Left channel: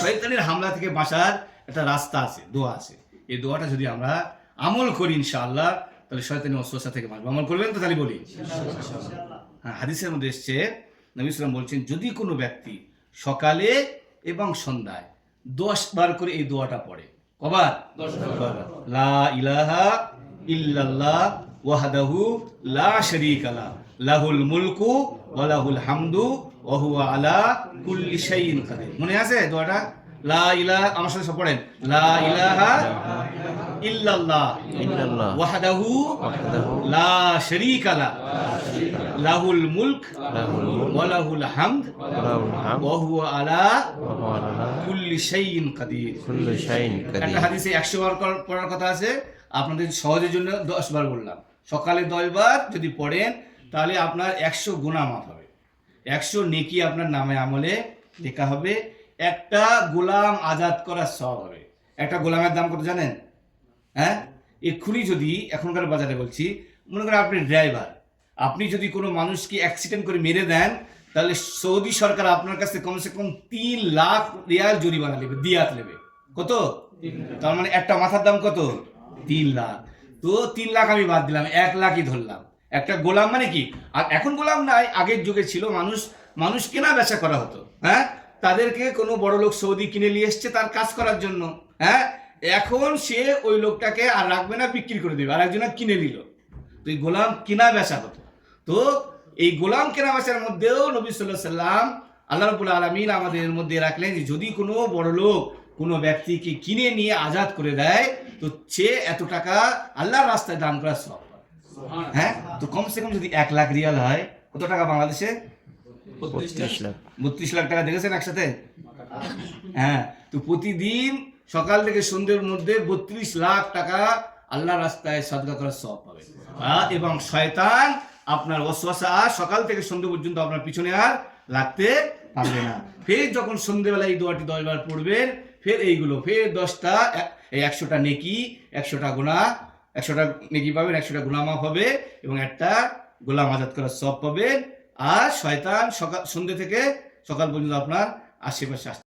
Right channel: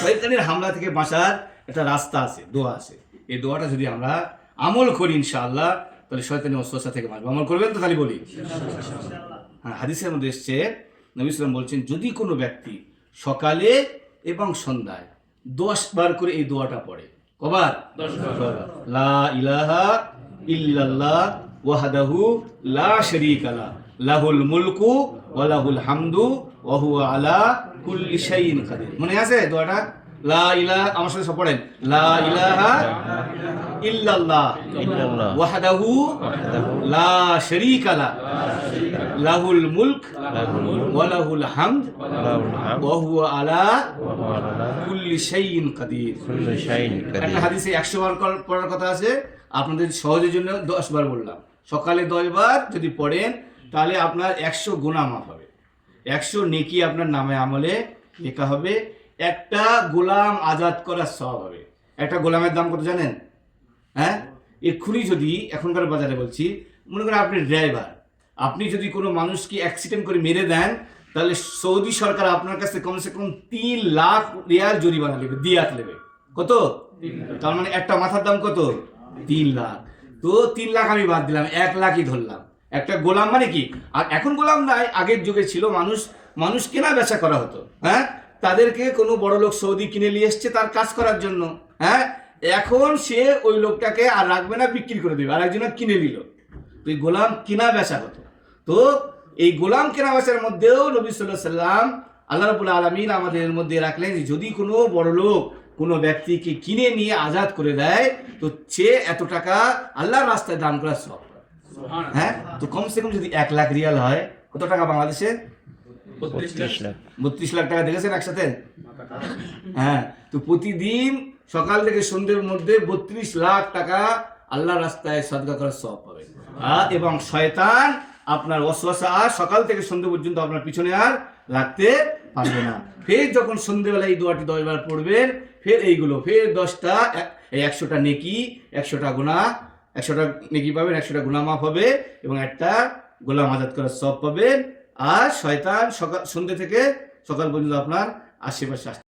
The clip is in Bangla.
শয়তানের হামলা থেকে বাঁচার একটা রাস্তা আছে, দোয়া আছে। এই দোয়াটা যদি আমরা আমল করি ইনশাআল্লাহ, তাহলে শয়তানের ওয়াসওয়াসা থেকে বাঁচবো। আমল করবেন তো? তাহলে বলি হ্যাঁ, হাদিসের মধ্যে এসছে, নবী সাল্লাল্লাহু আলাইহি ওয়াসাল্লাম বলছেন, যদি কোনো ব্যক্তি সকালে এবং সন্ধ্যায় 10 বার করে এই দোয়াটা পড়ে, কবার? 10 বার। লা ইলাহা ইল্লাল্লাহ ওয়াহদাহু লা শারীকা লাহু লাহুল মুলকু ওয়া লাহুল হামদু ওয়া হুয়া আলা কুল্লি শাইইন কাদির। মনে আছে দোয়াটা? লা ইলাহা, আমার সাথে সব পড়েন, লা ইলাহা ইল্লাল্লাহ ওয়াহদাহু লা শারীকা লাহু লাহুল মুলক ওয়া লাহুল হামদ ওয়া হুয়া আলা কুল্লি শাইইন কাদির। একটা হাদিসে 100 বার পড়ার কথা আছে, আপনাদের সহজের জন্য 10 বার বললাম। সকালে 10 বার যদি পড়েন তাহলে আপনার 100 গুনাহ মাফ হবে, 100 নেকি আপনার নামে আমলে লেখা হবে, একটা গোলাম আজাদ করার সওয়াব হবে। একটা গোলামের দাম কত জানেন? হ্যাঁ, এক্ষুনি যদি এখনকার বাজারে বলছি, মনে করেন আপনি ড্রাইভার, আপনি যদি কোনো মানুষকে অ্যাক্সিডেন্ট করে মেরে দেন, তাহলে সৌদি সরকার আপনার কাছে কমসে কম 3 লাখ রিয়াল জরিমানা নেবে, দিয়াত নেবে। কত? তার মানে একটা মাথার দাম কত? 3 লাখ। তো 3 লাখ আমি বাদ দিলাম, 1 লাখই ধরলাম। একটা গোলাম মানে কি, আর এখন গোলাম নাই, আগের যুগে ছিল মানুষ কেনা বেচা করা হতো। হ্যাঁ, তাদেরকে কোনো বড় লোক সৌদি কিনে নিয়ে এসছে তার কাজ করার জন্য। হ্যাঁ, এখন সে ওই লোকটাকে আর রাখবে না, বিক্রি করে দেবে, আর একজন কিনে নিল। তো এই গোলাম কেনা বেচা হতো। তো এই গোলাম কেনা বেচার মধ্যেও নবী সাল্লাল্লাহু আলাইহি ওয়াসাল্লাম, আল্লাহ রাব্বুল আলামিন আমাদের মধ্যে রাখলেন, যদি কোনো বড় লোক কোনো ব্যক্তিকে কিনে নিয়ে আজাদ করে দেয়, তো সে এত টাকা আল্লাহর রাস্তায় দান করার সওয়াব। হ্যাঁ, তো কমসে কম যদি 1 লাখ রিয়াল হয়, কত টাকা বাংলাদেশে? 32 লাখ টাকা। দেখেছেন একসাথে? হ্যাঁ, তো প্রতিদিন সকাল থেকে সন্ধ্যের মধ্যে 32 লাখ টাকা আল্লাহর রাস্তায় সাদকা করার সওয়াব পাবে। এবং শয়তান আপনার ওয়াসওয়াসা সকাল থেকে সন্ধ্যে পর্যন্ত আপনার পিছনে আর লাগতে পারবে না। ফের যখন সন্ধ্যেবেলা এই দোয়াটি 10 বার পড়বেন, ফের এইগুলো, ফের 10টা, এই 100টা নেকি, 100টা গুনাহ, 100টা নেকি পাবেন, 100টা গুনাহ মাফ হবে, এবং একটা গোলাম আজাদ করার সওয়াব পাবেন। আর শয়তান সন্ধ্যে থেকে সকাল পর্যন্ত আপনার আশেপাশে